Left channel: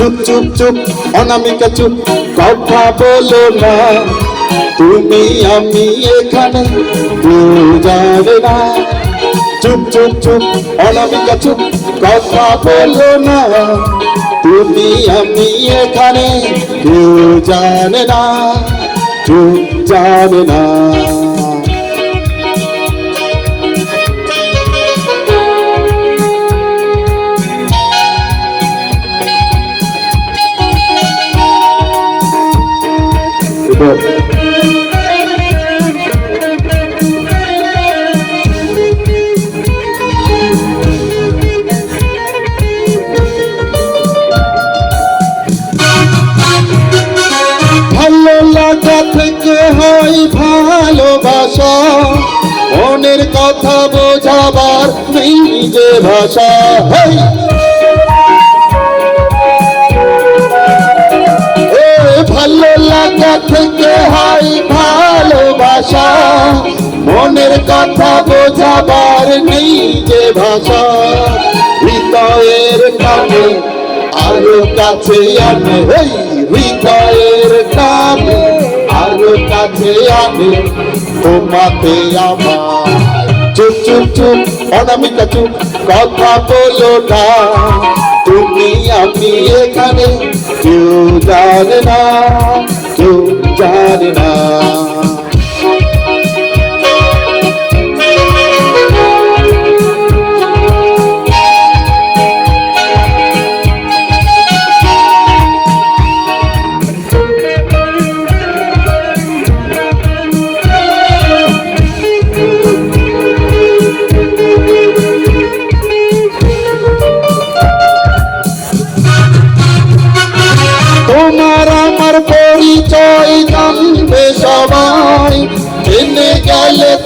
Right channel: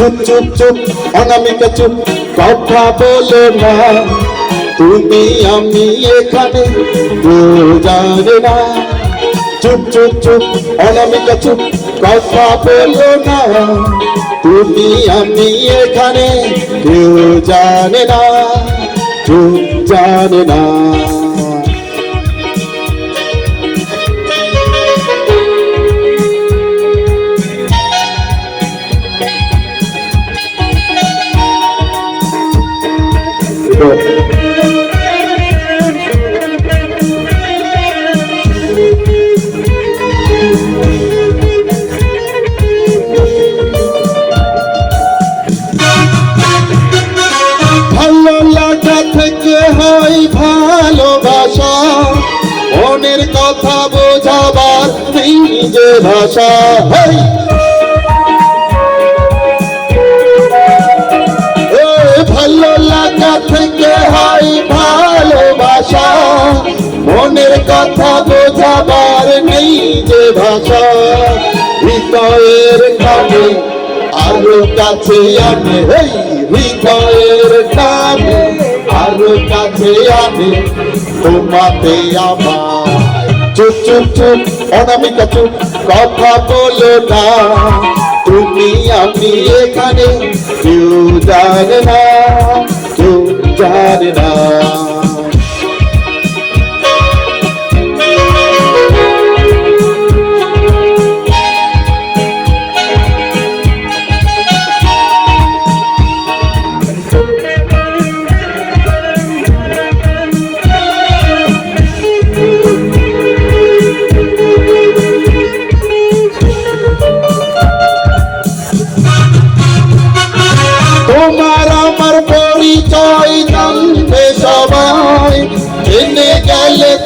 চুপ চুপ চুপ, অনামিকা চুপ, কথা বলো না। তুমি আমি এখানে জানে না। চুপ চুপ চুপ, অনামিকা চুপ, কথা বলো না। তুমি আমি এখানে, কেউ জানে না কেউ জানে না। লাগা থেকে হয় ভালোবাসা। মনের কথা বোঝাবার নেই নিজে ভাষা। হয় ভালোবাসা। মনের কথা বোঝাবার নেই যে ভাষা। হৃদয়ের কানে আরও কাছে আনে। এই হৃদয়ের কানে আরও কাছে আনে। তোমাতে আমার। চুপ চুপ চুপ, অনামিকা চুপ, কথা বলো না। তুমি আমি এখানে কেউ জানে না।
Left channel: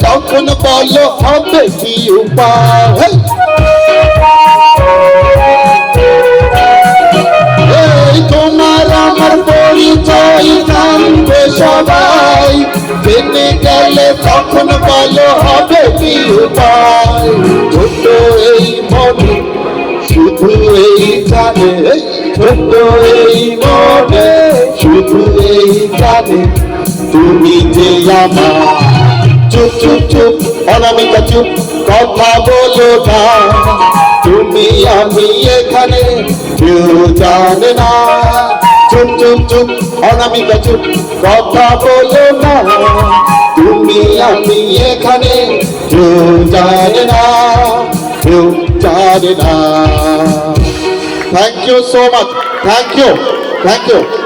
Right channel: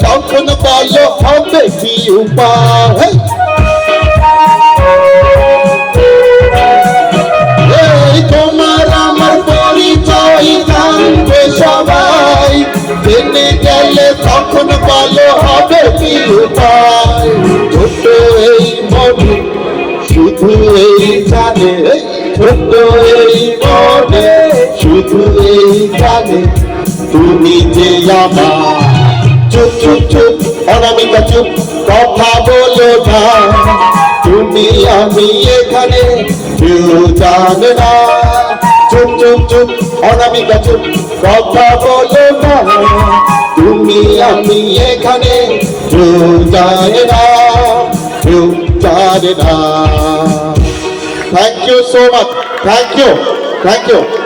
তখন বলো হবে কি উপায়। তোমার আমার পরিচয় জানবে সবাই। জেনে গেলে তখন বলো হবে কি উপায়। ছোট এই মনে, শুধু এই জানে। ছোট এই মনে, শুধু এই জানে। তুমি যে আমার চুপ চুপ চুপ অনামিকা চুপ কথা বলো না তুমি আমি এখানে কেউ জানে না চুপ চুপ চুপ অনামিকা চুপ কথা বলো না তুমি আমি এখানে কেউ জানে না কেউ জানে না thank you so much thank you thank you